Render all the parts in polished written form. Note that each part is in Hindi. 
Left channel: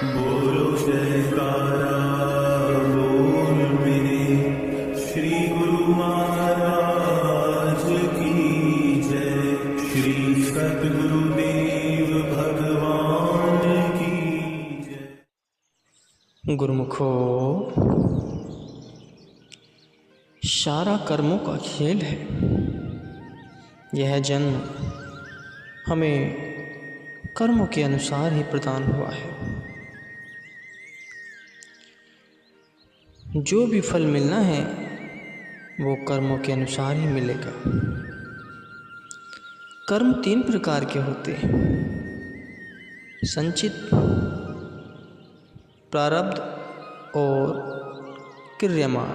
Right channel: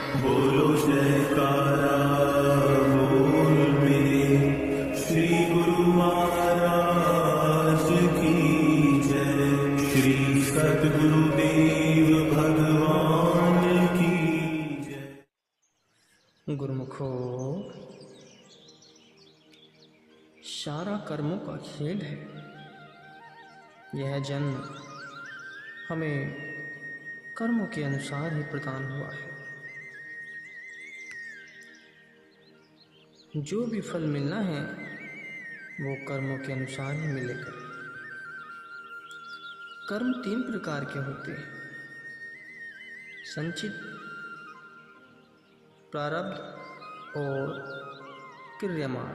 बोलो जयकारा बोल मेरे श्री गुरु महाराज की जय। श्री सद्गुरुदेव भगवान की जय। गुरुमुखो, सारा कर्मों का खेल है। यह जन्म हमें कर्मों के अनुसार ही प्रदान हुआ है। जो भी फल मिलना है वो कर्मों के अनुसार ही मिलेगा। कर्म 3 प्रकार के होते हैं: संचित, प्रारब्ध और क्रियमाण।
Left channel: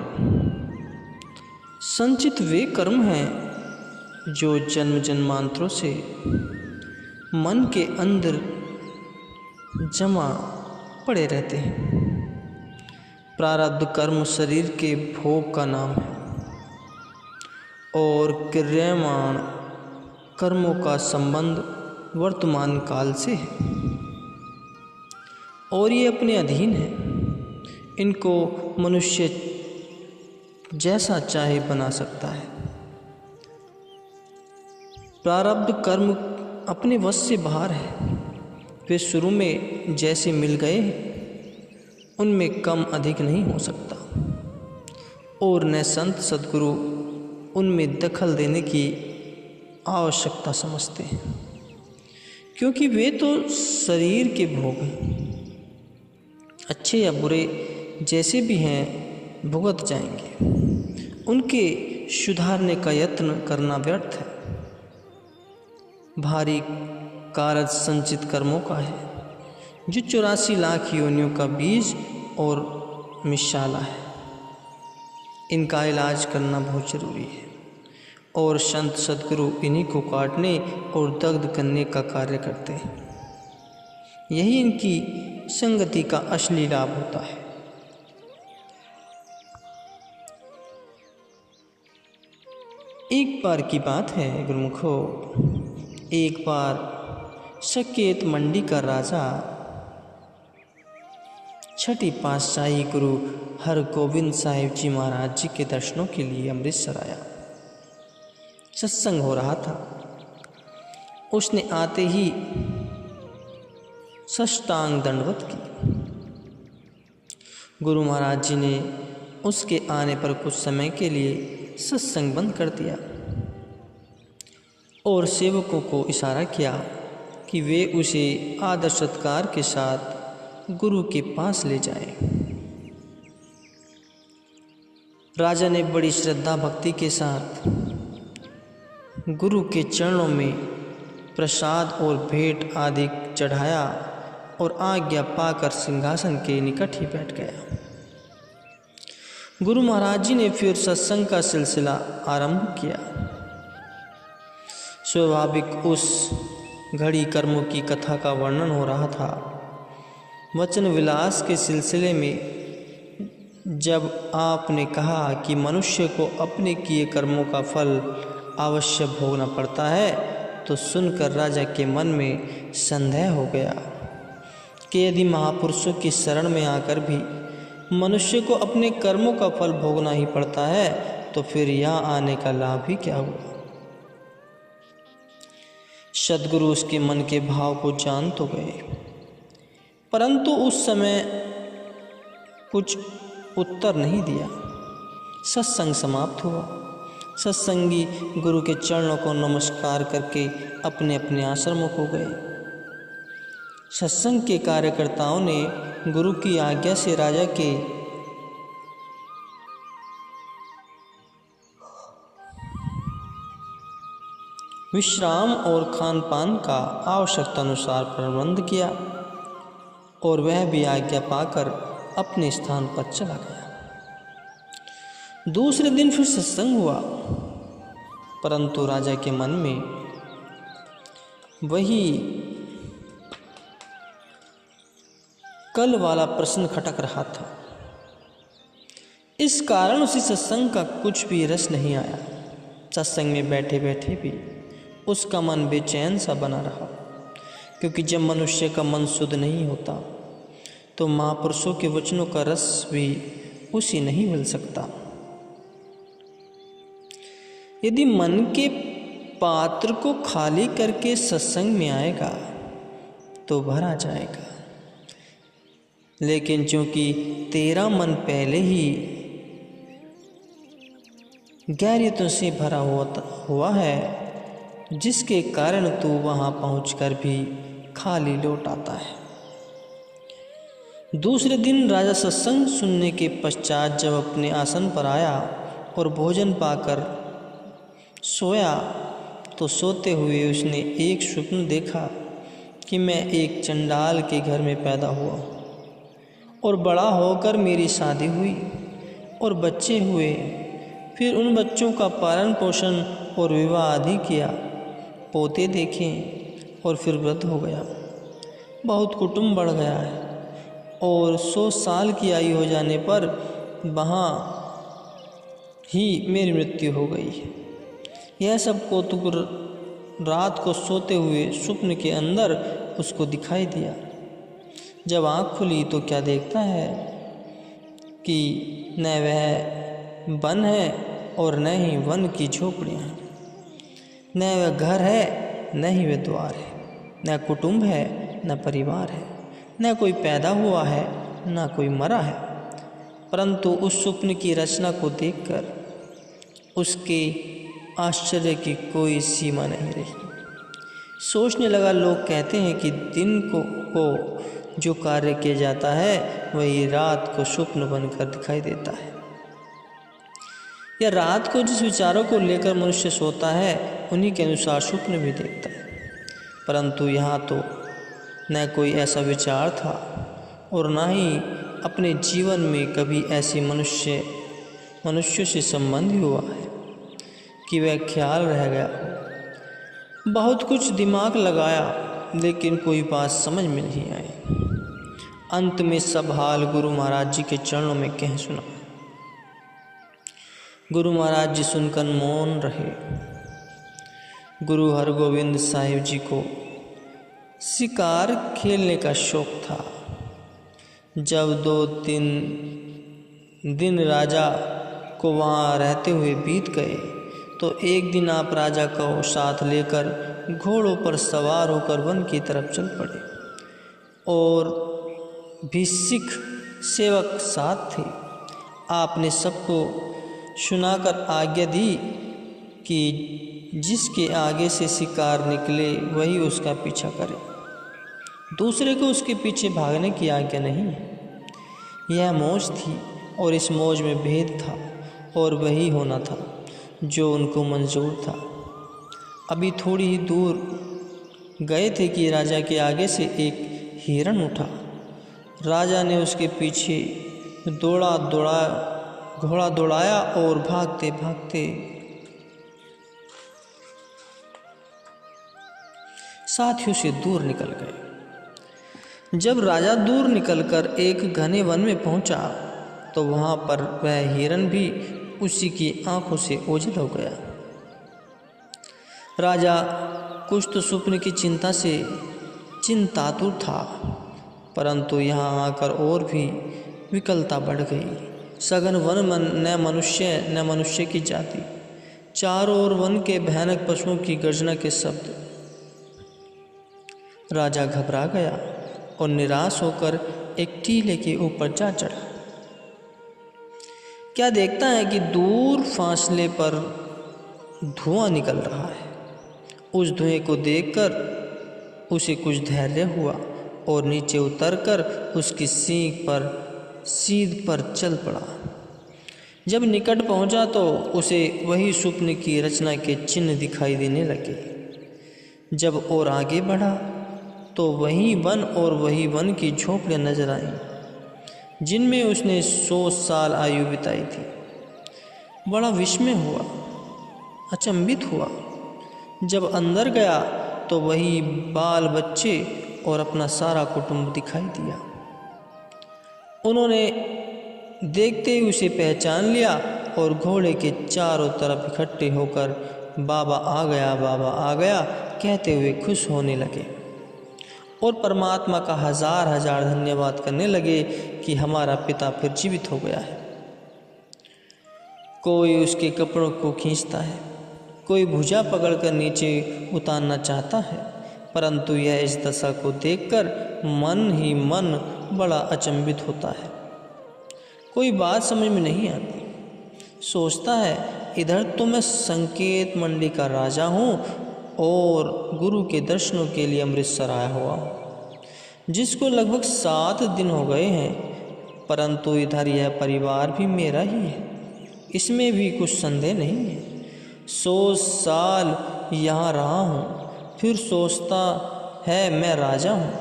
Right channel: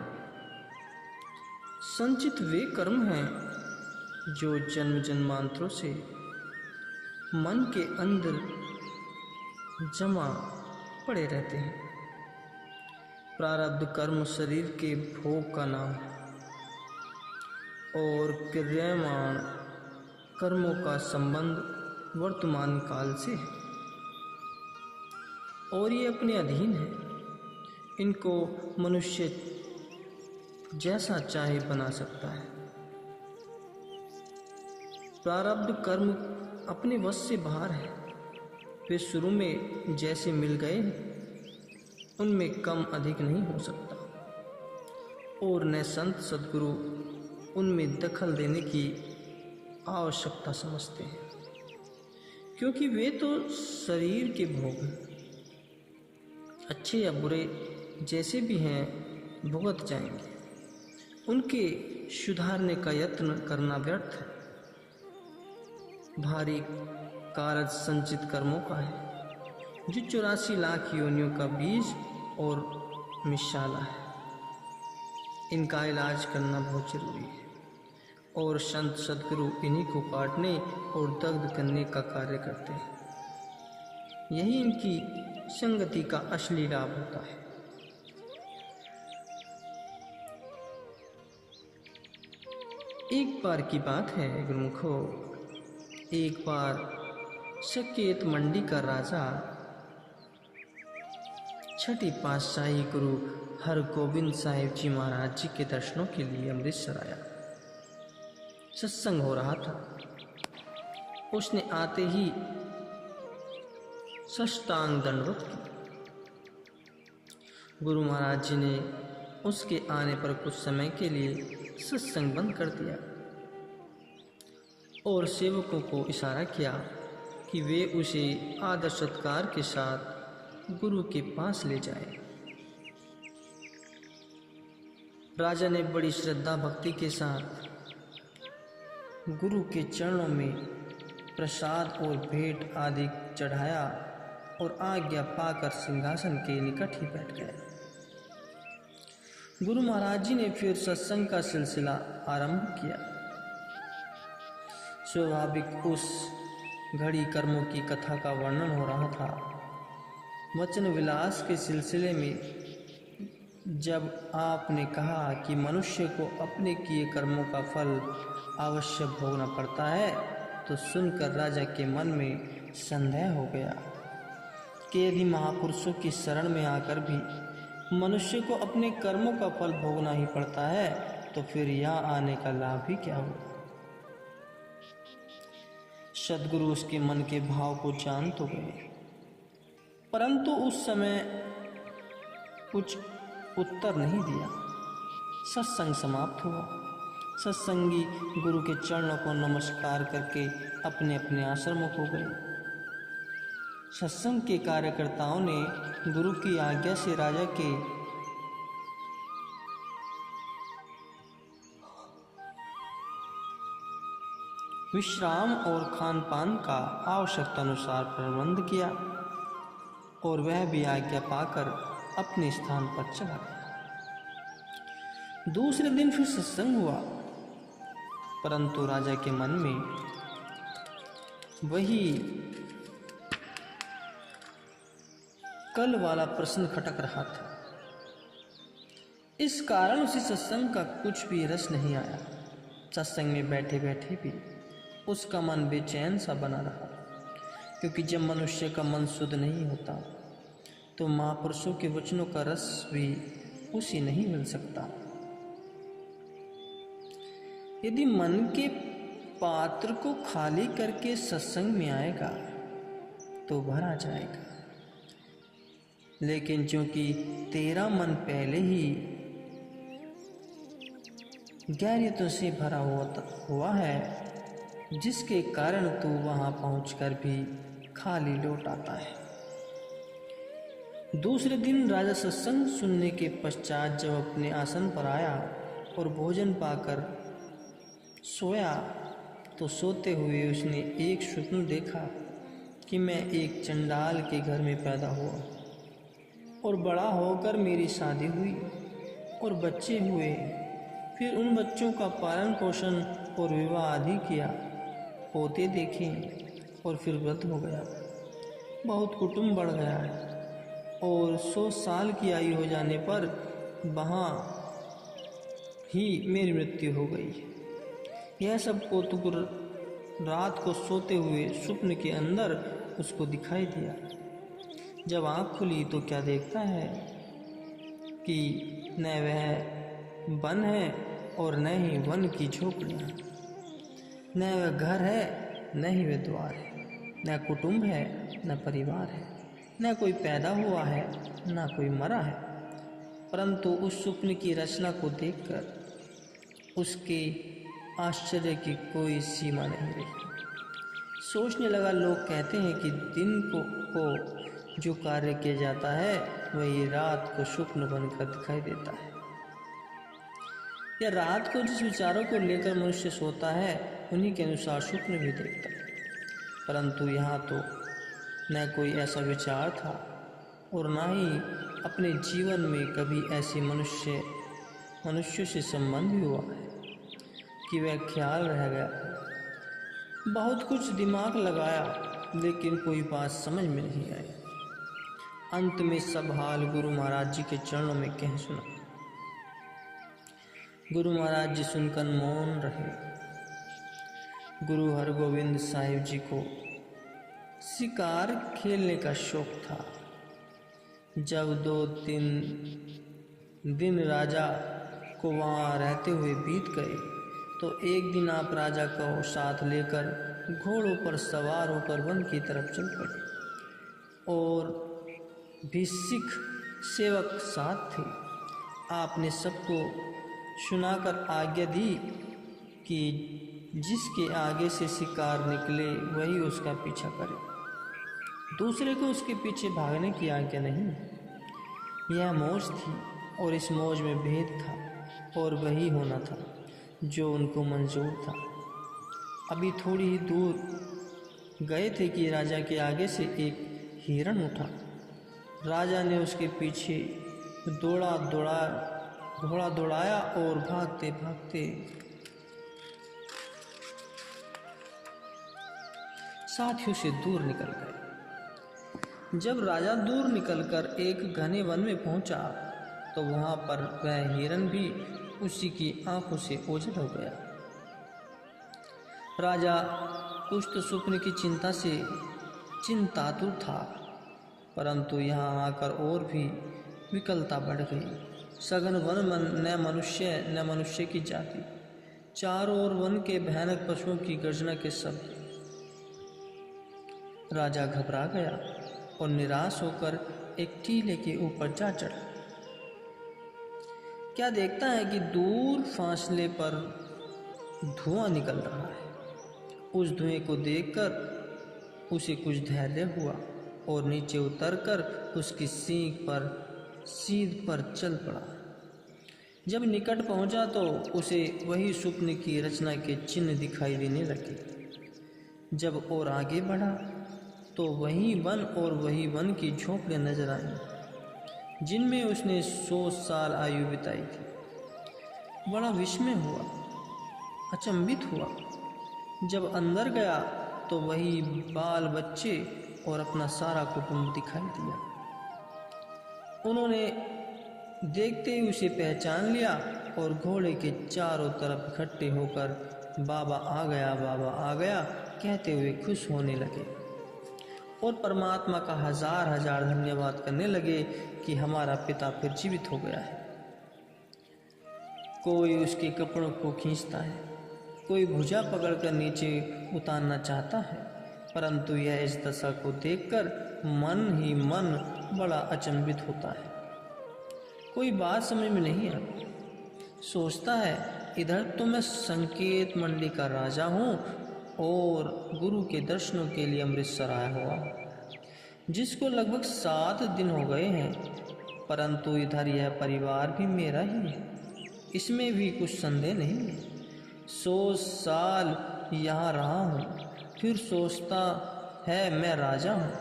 संचित वे कर्म हैं जो जन्म जन्मांतरों से मन के अंदर जमा पड़े रहते हैं। प्रारब्ध कर्म शरीर के भोग का नाम है और क्रियमाण कर्मों का संबंध वर्तमान काल से है और ये अपने अधीन है। इनको मनुष्य जैसा चाहे बना सकता है। प्रारब्ध कर्म अपने वश से बाहर है। वे शुरू में जैसे मिल गए उनमें कम अधिक नहीं हो सकता और न संत सद्गुरु उनमें दखल देने की आवश्यकता समझते हैं, क्योंकि वे तो शरीर के भोग हैं। अच्छे या बुरे जैसे भी हैं भुगत जाएंगे। उनके सुधारने का यत्न करना व्यर्थ है। भारी कारज संचित कर्मों का है जो 84 लाख योनियों का बीज और मिसाला है। इनका इलाज करना बहुत जरूरी है और संत सद्गुरु इन्हीं को काटने और दग्ध करने का कार्य करते हैं। यही इनकी संगति का असली लाभ होता है। एक बार की बात है गुरुमुखो, एक बार सकेत मंडी का राजा छठी पातशाही गुरु हरगोविंद साहिब जी महाराज जी के दर्शनों के लिए अमृतसर आया। सत्संग हो रहा था। उसने आते ही साष्टांग दंडवत की। गुरु महाराज जी ने उसके आने पर कुछ समय के लिए सत्संग बंद कर दिया और सेवकों को इशारा किया कि वे उसे आदर सत्कार के साथ गुरु के पास ले जाएं। राजा ने बड़ी श्रद्धा भक्ति के साथ गुरु के चरणों में प्रसाद और भेंट आदि चढ़ाया और आज्ञा पाकर सिंहासन के निकट ही बैठ गया। गुरु महाराज जी ने फिर सत्संग का सिलसिला आरंभ किया। स्वाभाविक उस घड़ी कर्मों की कथा का वर्णन हो रहा था। वचन विलास के सिलसिले में जब आपने कहा कि मनुष्य को अपने किए कर्मों का फल अवश्य भोगना पड़ता है, तो सुनकर राजा के मन में संदेह हो गया कि यदि महापुरुषों की शरण में आकर भी मनुष्य को अपने कर्मों का फल भोगना ही पड़ता है, तो फिर यहाँ आने का लाभ ही क्या हुआ। सद्गुरु उसके मन के भाव को जान तो गए, परंतु उस समय कुछ उत्तर नहीं दिया। सत्संग समाप्त हुआ। सत्संगी गुरु के चरणों को नमस्कार करके अपने अपने आश्रमों को गए। सत्संग के कार्यकर्ताओं ने गुरु की आज्ञा से राजा के विश्राम और खान पान का आवश्यकता अनुसार प्रबंध किया और वह भी आज्ञा पाकर अपने स्थान पर चला गया। दूसरे दिन फिर सत्संग हुआ, परंतु राजा के मन में वही कल वाला प्रश्न खटक रहा था। इस कारण उसे सत्संग का कुछ भी रस नहीं आया। सत्संग में बैठे बैठे भी उसका मन बेचैन सा बना रहा, क्योंकि जब मनुष्य का मन शुद्ध नहीं होता तो महापुरुषों के वचनों का रस भी उसी नहीं मिल सकता। यदि मन के पात्र को खाली करके सत्संग में आएगा तो भरा जाएगा, लेकिन चूंकि तेरा मन पहले ही गैरियतों से भरा हुआ है, जिसके कारण तू वहां पहुंचकर भी खाली लौट आता है। दूसरे दिन राजा सत्संग सुनने के पश्चात जब अपने आसन पर आया और भोजन पाकर सोया तो सोते हुए उसने एक स्वप्न देखा कि मैं एक चंडाल के घर में पैदा हुआ और बड़ा होकर मेरी शादी हुई और बच्चे हुए। फिर उन बच्चों का पालन पोषण और विवाह आदि किया, पोते देखे और फिर वृद्ध हो गया। बहुत कुटुंब बढ़ गया है और 100 साल की आयु हो जाने पर वहाँ ही मेरी मृत्यु हो गई है। यह सब कौतुक रात को सोते हुए स्वप्न के अंदर उसको दिखाई दिया। जब आँख खुली तो क्या देखता है कि न वह वन है और न ही वन की झोपड़ियाँ हैं, न वह घर है न ही वह द्वार है, न कुटुंब है न परिवार है, न कोई पैदा हुआ है न कोई मरा है। परंतु उस स्वप्न की रचना को देखकर उसके आश्चर्य की कोई सीमा नहीं रही। सोचने लगा, लोग कहते हैं कि दिन को जो कार्य किया जाता है वही रात को स्वप्न बनकर दिखाई देता है, या रात को जिस विचारों को लेकर मनुष्य सोता है उन्हीं के अनुसार स्वप्न भी देखता है। परंतु यहाँ तो न कोई ऐसा विचार था और न ही अपने जीवन में कभी ऐसे मनुष्य से संबंध हुआ है कि वह ख्याल रह गया। बहुत कुछ दिमाग लगाया लेकिन कोई बात समझ में नहीं आई। अंत में सब हाल गुरु महाराज जी के चरणों में कह सुना। गुरु महाराज जी सुनकर मौन रहे। गुरु हरगोविंद साहिब जी को शिकार खेलने का शौक था। जब 2-3 दिन राजा को वहाँ रहते हुए बीत गए तो एक दिन आप राजा को साथ लेकर घोड़ों पर सवार होकर वन की तरफ चल पड़े और भी सिख सेवक साथ थे। आपने सबको सुनाकर आज्ञा दी कि जिसके आगे से शिकार निकले वही उसका पीछा करे, दूसरे को उसके पीछे भागने की आज्ञा नहीं। यह मौज थी और इस मौज में भेद था और वही होना था जो उनको मंजूर था। अभी थोड़ी ही दूर गए थे कि राजा के आगे से एक हिरण उठा। राजा ने उसके पीछे घोड़ा दौड़ाया और भागते भागते साथियों से दूर निकल गए। जब राजा दूर निकलकर एक घने वन में पहुंचा तो वहां पर वह हिरण भी उसी की आंखों से ओझल हो गया। राजा कुछ तो स्वप्न की चिंता से चिंतातुर था, परंतु यहाँ आकर और भी विकलता बढ़ गई। सघन वन न मनुष्य की जाति, चारों ओर वन के भयानक पशुओं की गर्जना के शब्द। राजा घबरा गया और निराश होकर एक टीले के ऊपर जा चढ़ा। क्या देखता है कि दूर फासले पर धुआं निकल रहा है। उस धुएं को देखकर उसे कुछ धैर्य हुआ और नीचे उतरकर उसकी सीध पर चल पड़ा। जब निकट पहुंचा तो उसे वही स्वप्न की रचना के चिन्ह दिखाई देने लगे। जब और आगे बढ़ा तो वही वन और वही वन की झोपड़ियाँ नजर आईं जिनमें उसने 100 साल आयु बिताई थी। बड़ा विस्मय हुआ, अचंभित हुआ। जब अंदर गया तो वही बाल बच्चे और अपना सारा कुटुंब दिखाई दिया। उन्होंने देखते ही उसे पहचान लिया और घोड़े के चारों तरफ इकट्ठे होकर बाबा आ गया कहते हुए खुश होने लगे और परमात्मा का हजार हजार धन्यवाद करने लगे कि हमारा पिता फिर जीवित हो गया है। कोई उसके कपड़ों को खींचता है, कोई भुजा पकड़कर नीचे उतारना चाहता है, परंतु यह इस दशा को देखकर मन ही मन बड़ा अचंभित होता है। कोई बात समझ में नहीं आती। सोचता है इधर तो मैं संकेत मंडी का राजा हूँ और गुरु के दर्शनों के लिए अमृतसर आया हुआ हूँ, जिसको लगभग 7 दिन हो गए हैं, परंतु इधर यह परिवार भी मेरा ही है, इसमें भी कुछ संदेह नहीं है। 100 साल यहाँ रहा हूँ, फिर सोचता है मैं राजा हूँ,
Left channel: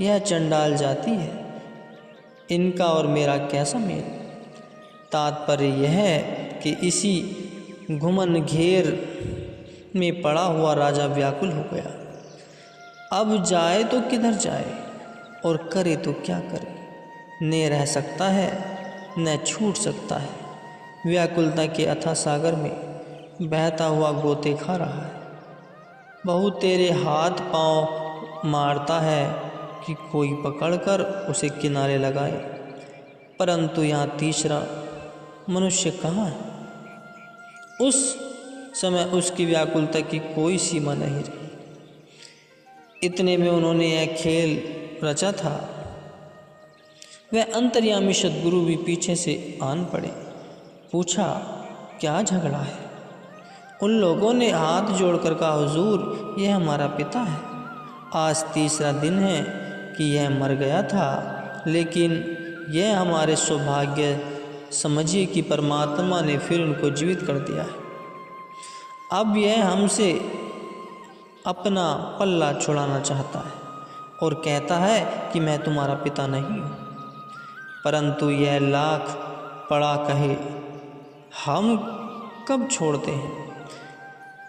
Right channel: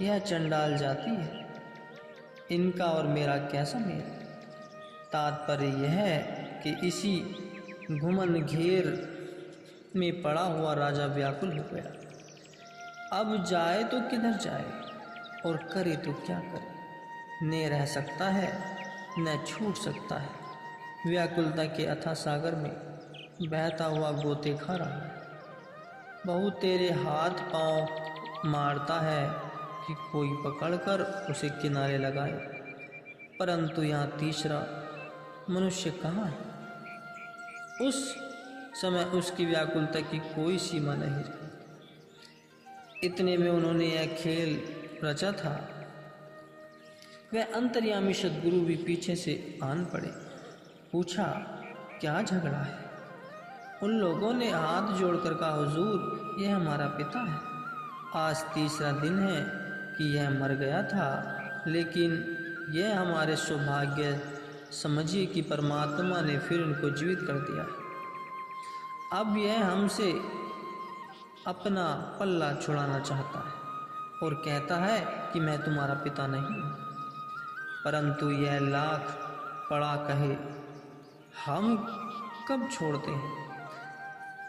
यह चंडाल जाती है, इनका और मेरा कैसा मेल। तात्पर्य यह है कि इसी घुमन घेर में पड़ा हुआ राजा व्याकुल हो गया। अब जाए तो किधर जाए और करे तो क्या करे। न रह सकता है न छूट सकता है। व्याकुलता के अथाह सागर में बहता हुआ गोते खा रहा है। बहु तेरे हाथ पांव मारता है कि कोई पकड़कर उसे किनारे लगाए, परंतु यहाँ तीसरा मनुष्य कहाँ है। उस समय उसकी व्याकुलता की कोई सीमा नहीं रही। इतने में उन्होंने यह खेल रचा था। वह अंतर्यामी सद्गुरु भी पीछे से आन पड़े। पूछा क्या झगड़ा है। उन लोगों ने हाथ जोड़कर कहा, हुजूर यह हमारा पिता है। आज तीसरा दिन है कि यह मर गया था, लेकिन यह हमारे सौभाग्य समझिए कि परमात्मा ने फिर उनको जीवित कर दिया है। अब यह हमसे अपना पल्ला छुड़ाना चाहता है और कहता है कि मैं तुम्हारा पिता नहीं हूँ, परंतु यह लाख पड़ा कहे हम कब छोड़ते हैं।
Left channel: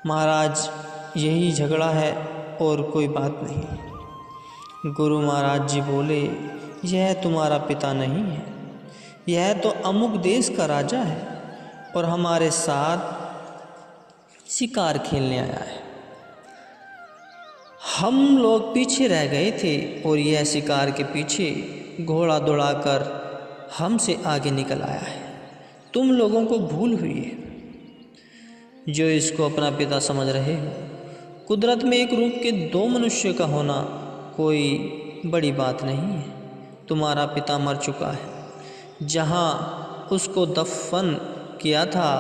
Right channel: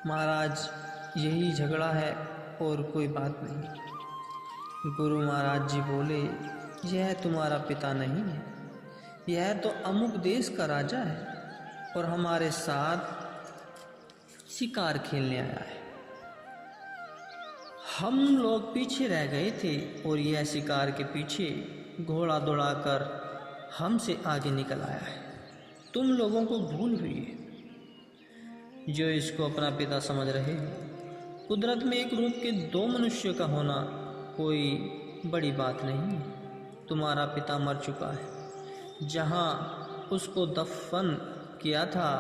महाराज यही झगड़ा है और कोई बात नहीं। गुरु महाराज जी बोले, यह तुम्हारा पिता नहीं है, यह तो अमुक देश का राजा है और हमारे साथ शिकार खेलने आया है। हम लोग पीछे रह गए थे और यह शिकार के पीछे घोड़ा दौड़ाकर हमसे आगे निकल आया है। तुम लोगों को भूल हुई है जो इसको अपना पिता समझ रहे हो। कुदरत में एक रूप के 2 मनुष्य का होना कोई बड़ी बात नहीं है। तुम्हारा पिता मर चुका है। जहाँ उसको दफन किया था,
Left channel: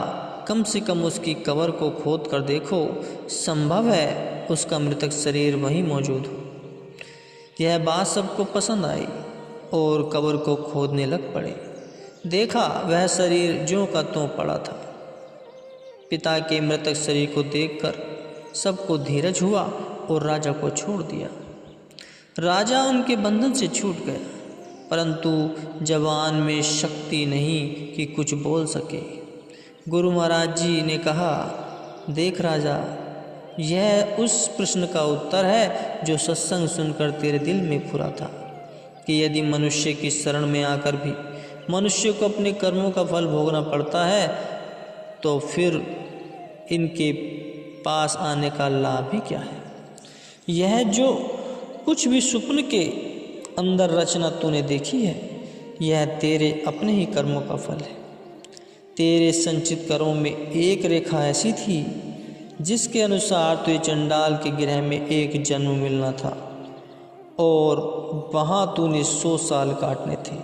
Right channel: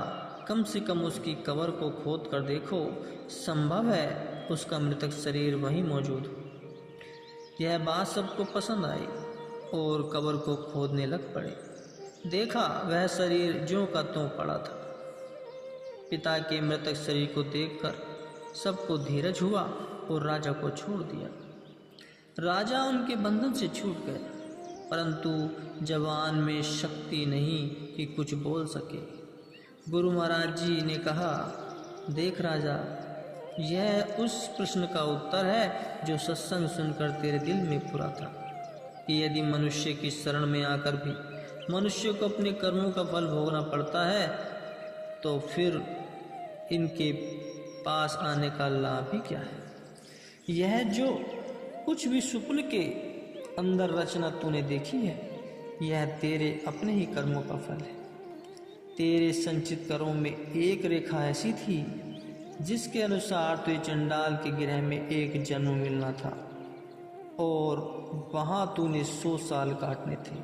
कम से कम उसकी कब्र को खोद कर देखो, संभव है उसका मृतक शरीर वहीं मौजूद हो। यह बात सबको पसंद आई और कब्र को खोदने लग पड़े। देखा वह शरीर ज्यों का त्यों पड़ा था। पिता के मृतक शरीर को देखकर सबको धीरज हुआ और राजा को छोड़ दिया। राजा उनके बंधन से छूट गया, परंतु जवान में शक्ति नहीं कि कुछ बोल सके। गुरु महाराज जी ने कहा, देख राजा, यह उस प्रश्न का उत्तर है जो सत्संग सुनकर तेरे दिल में फुरा था कि यदि मनुष्य की शरण में आकर भी मनुष्य को अपने कर्मों का फल भोगना पड़ता है, तो फिर इनके पास आने का लाभ ही क्या है। यह जो कुछ भी स्वप्न के अंदर रचना तूने देखी है, यह तेरे अपने ही कर्मों का फल है। तेरे संचित कर्मों में एक रेखा ऐसी थी जिसके अनुसार तुझे चंडाल के गृह में एक जन्म मिलना था और वहाँ तूने 100 साल काटने थे,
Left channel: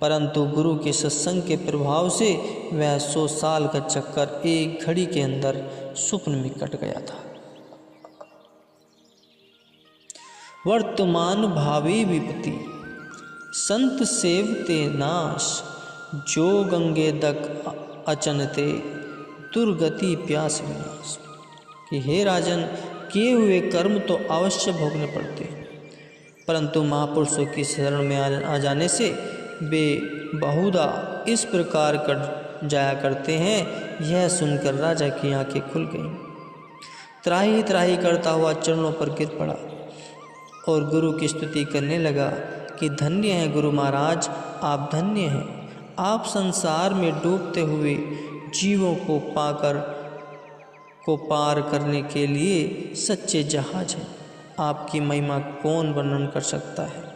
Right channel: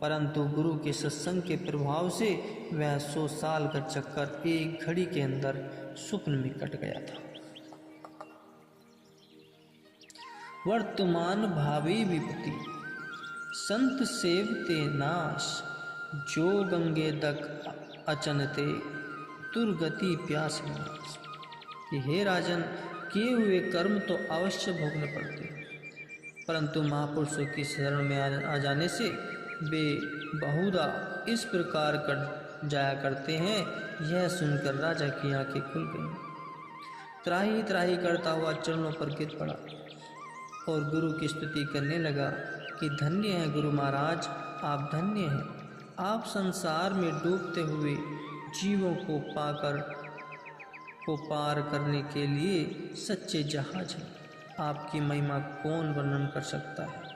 परंतु गुरु के सत्संग के प्रभाव से वह 100 साल का चक्कर एक घड़ी के अंदर स्वप्न में कट गया था। वर्तमान भावी विपत्ति संत सेवते नाश, जो गंगे दक अचनते दुर्गति प्यास विनाश। कि हे राजन, किए हुए कर्म तो अवश्य भोगने पड़ते हैं, परंतु महापुरुषों की शरण में आ जाने से वे बहुधा इस प्रकार कर जाया करते हैं। यह सुनकर राजा की आंखें खुल गईं। त्राही त्राही करता हुआ चरणों पर गिर पड़ा और गुरु की स्तुति करने लगा कि धन्य है गुरु महाराज, आप धन्य हैं। आप संसार में डूबते हुए जीवों को पार करने के लिए सच्चे जहाज हैं। आपकी महिमा कौन वर्णन कर सकता है।